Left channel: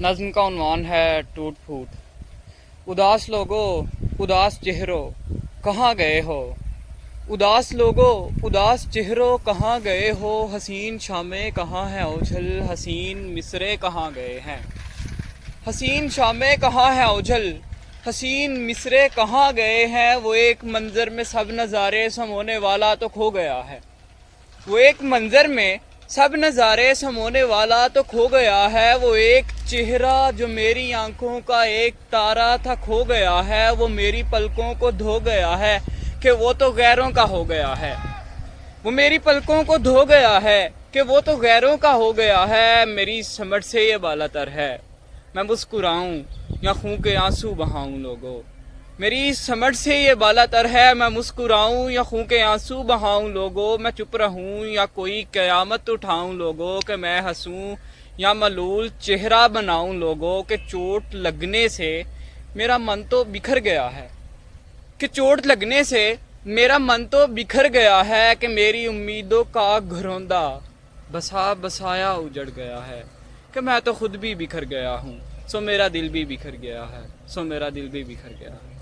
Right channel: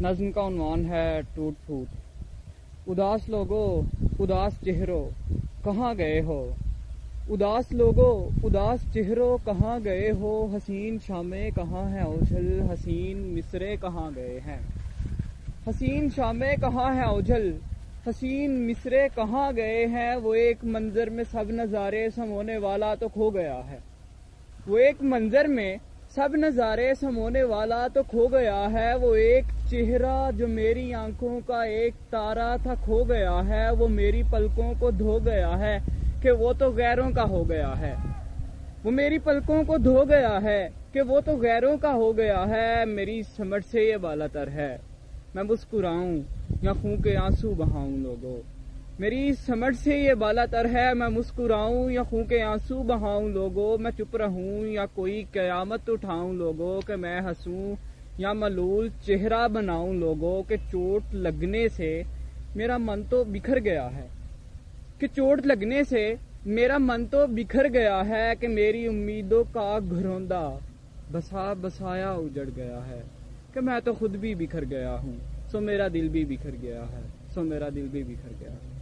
نظم کا عنوان ہے ٹوٹ پھوٹ۔ اداس لوگو اداس چہروں کہاں گئے ہو، اداس لوگو اداس چہروں کہاں گئے ہو، حسین شامیں کہاں ہیں اوجھل، حسین مصرے کہاں گئے ہیں، حسین شامیں کہاں ہیں اوجھل، حسین مصرے کہاں گئے ہیں۔ وہ ایک منظر میں سب نظارے سمونے والا تو کھو گیا ہے، وہ ایک منظر میں سب نظارے سمونے والا تو کھو گیا ہے۔ وہ ایک چہرہ جو میری آنکھوں کا ایک تارا تھا کھو گیا ہے، وہ میری پلکوں کو دھو گیا ہے کہ وہ تو غیروں کا ہو گیا ہے، وہ میری پلکوں کو دھو گیا ہے کہ وہ تو غیروں کا ہو گیا ہے۔ میری سمجھ سے یہ بالا تر ہے میں مسکراؤں یا خون کے آنسو بہاؤں لوگوں، میری سمجھ سے یہ بالا تر ہے میں مسکراؤں یا خون کے آنسو بہاؤں لوگوں، میں چپ رہوں یا کوئی قیامت اٹھاؤں لوگوں، کہ میں ہنسوں یا ملول چہرہ بناؤں لوگوں، کہ چوٹ لگنے سے میرا من تو بکھر گیا ہے، کہ چوٹ لگنے سے میرا من تو بکھر گیا ہے، کہ میری امیدوں کا گھروندہ بسا بسایا اجڑ گیا ہے، کہ میں تو خود بھی بکھر گیا ہوں، سو میرا دل بھی بکھر گیا ہے، سو میرا دل بھی بکھر گیا ہے۔